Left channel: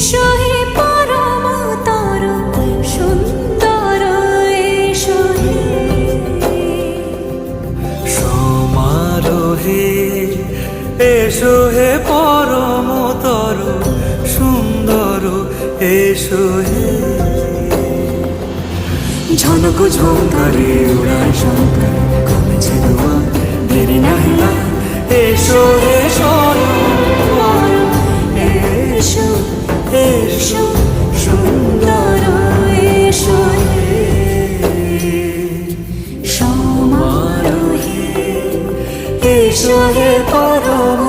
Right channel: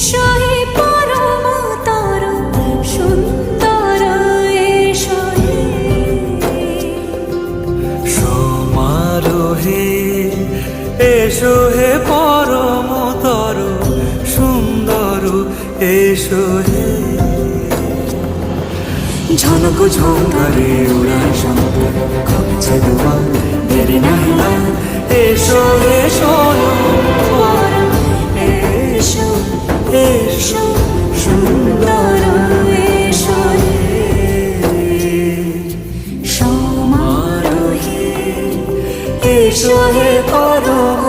এসো হে পরম তরু সুন্দর, এসো হে সমারোহে এসো হে পরম তরু সুন্দর, এসো হে ঝনক ঝঙ্কারে উড়ায় শঙ্কর, কমেছে দুয়ার দেরি নাহি আর, এসো হে স্বয়ং পরম, এসো এসো সুন্দর, এসো হে সমারোহে এসো হে পরম